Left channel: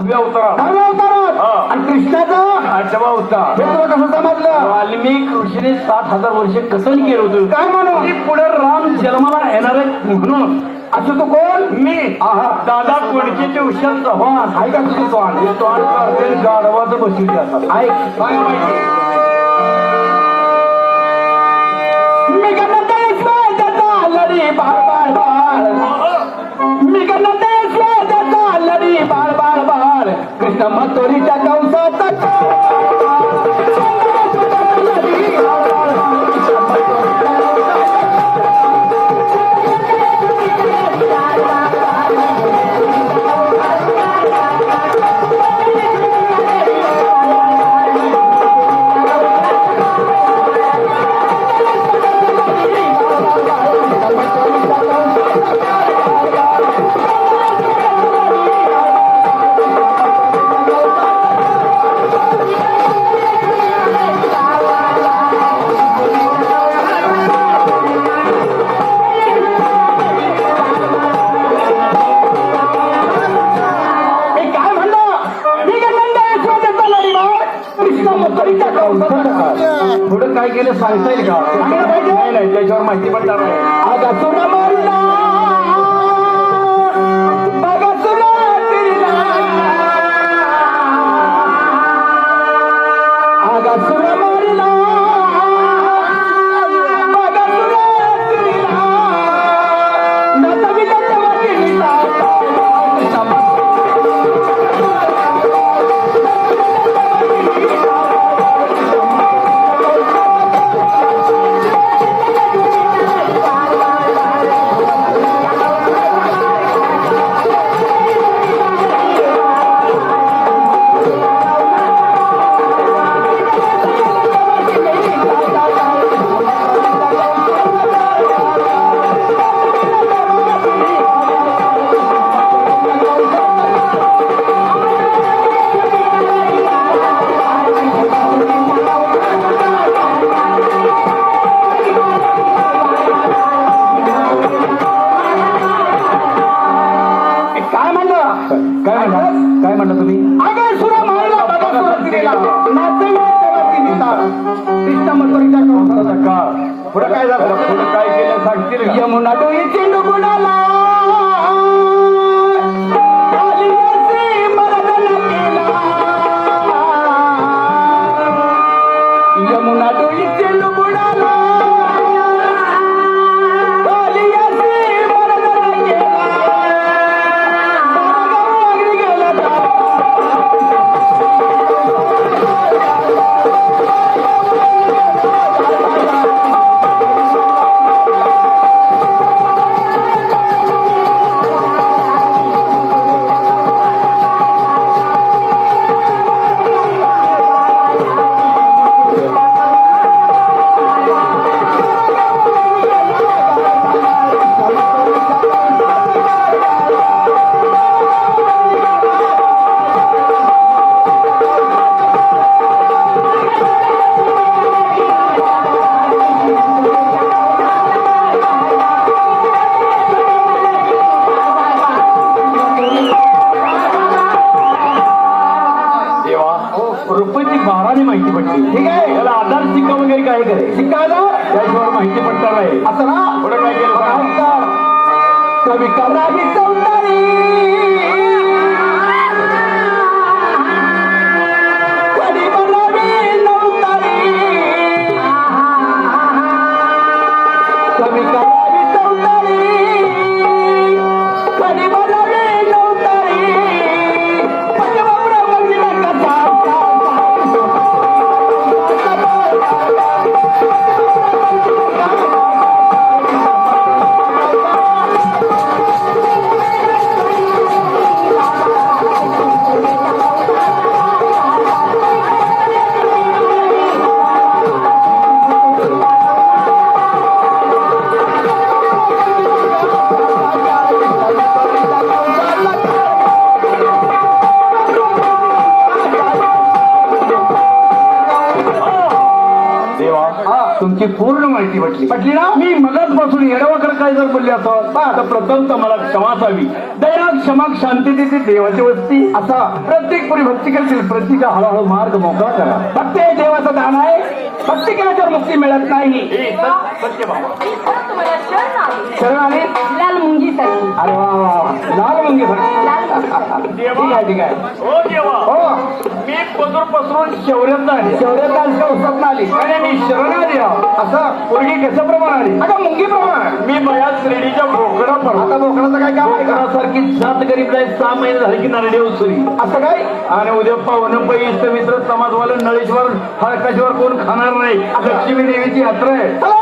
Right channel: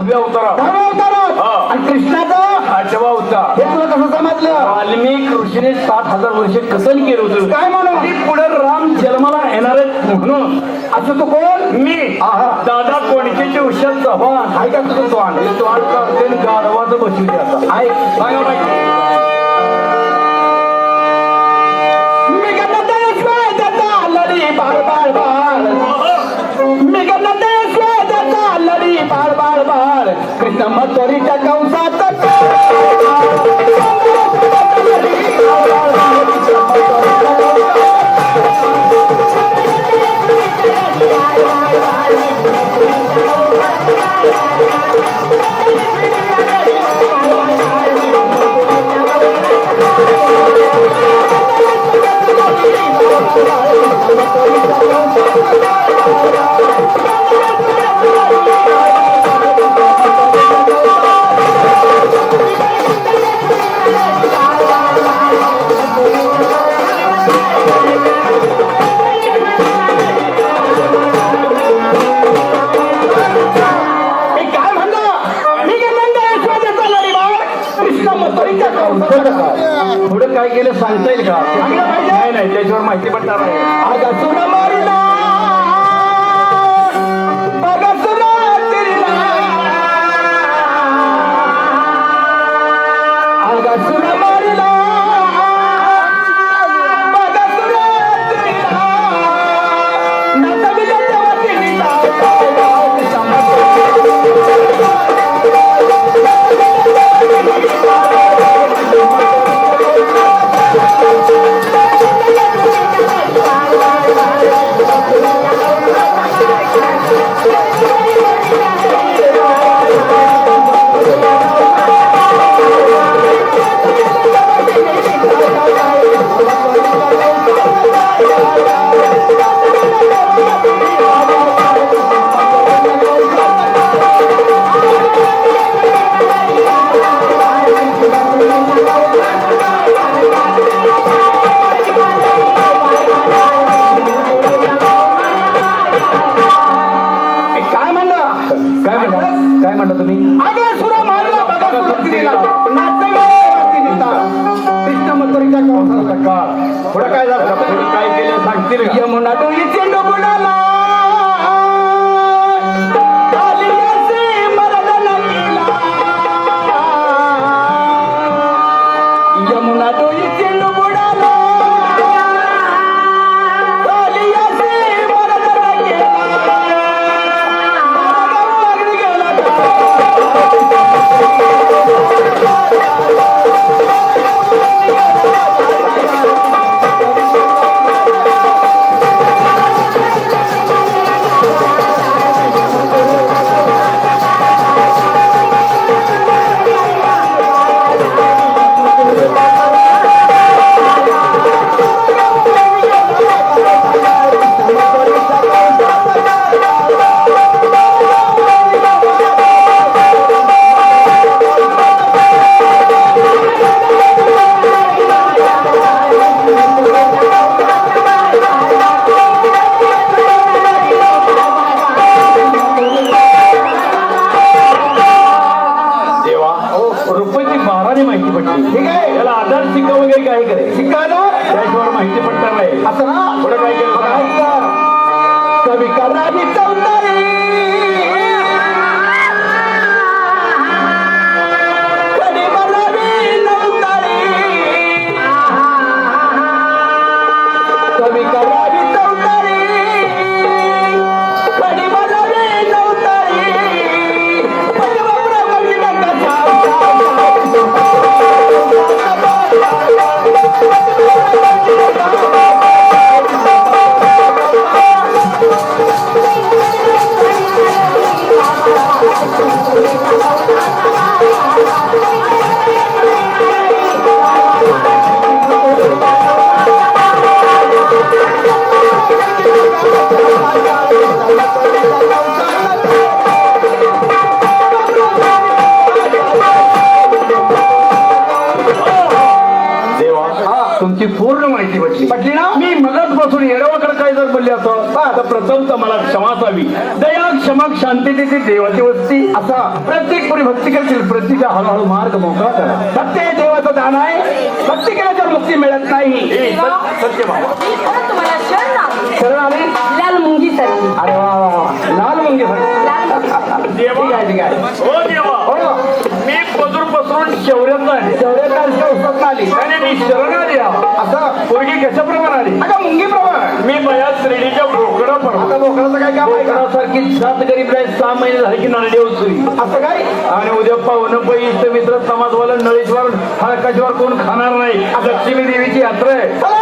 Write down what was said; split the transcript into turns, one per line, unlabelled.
उभ्या अवतारा हा.
आणि कृष्णाचं?
आठवा अवतार
हे तुला कसं समजलं?
वाल्मिक ऋषीने सात हजार वर्ष कसं केलं होतं.
काय म्हणू
आणि पुढे राम जन्माला येणार आहेत म्हणून.
असं तू कोण?
मी.
आहा.
दादा उशाल चव्हाण.
आहे का तुझं तोंड
हे तो आणि गाढवाचं बसवली आता.
आहे
सांगा
मी गणतेश वेदाचा लढी बाळ बाळ बाळ. मी लढी बाळ बाळ बाळ कृष्ण कंसात
सांगता येईल का
सांगायला पाहिजे.
नाही नाही त्याच्यावर माहिती पडणार आहे
मथुरीच्या कंसात
का पुढे काय झालं? काय केलं? सांगतील रुपयाची बाराने माहिती पडली
ठीक आहे.
त्याला आधार शिका वगैरे काय करे
शिकायला
त्याशिवाय माहिती पडणार आहे
असं ना
पुढे काय केलं सांगा.
ऐका.
तुमची पूर्ण माहिती पटली
ना?
मी मगाचपासून येडवाकडे काय जर बोलले असतो तर प्रथमतः मला क्षमा असावी. दया क्षमा शांती देते देवाची वस्ती असा प्रत्येक परिभक्ती करतील. प्रत्येक हळूहळू मार्ग मोकळा करा.
भक्ती हे देवाचं दान आहे. भक्ती केल्याच्यावर मुक्ती मिळत नाही.
सत- सत्य भाव.
मी खरं तुम्हाला शरण
आली.
लाल मुंगीसाठी.
अरे वा वा वा. लाल मुंगी
देवा
ठीक आहे ठीक आहे.
हो
हो.
मी पदूर पसरून शौर्यात आले
स्वप्न आली.
मी शरण आली. आहे.
असं
पोरगी कशाप्रमाणे आली?
अगं मुंगी प्रमाण.
मी बऱ्याच श्रेणीच्या भोकरा
आता लोकांचं काय काम आहे
जात गरीब जाईल सहा महिने झाले की नारडी उचली
असं काय?
आणि उद्या पाहुणं पैसे मित्र समाजवाला नळेश्वर हरकाश्वर कोण खाणार नाही? लक्ष्मी देवीची यात्रा आहे.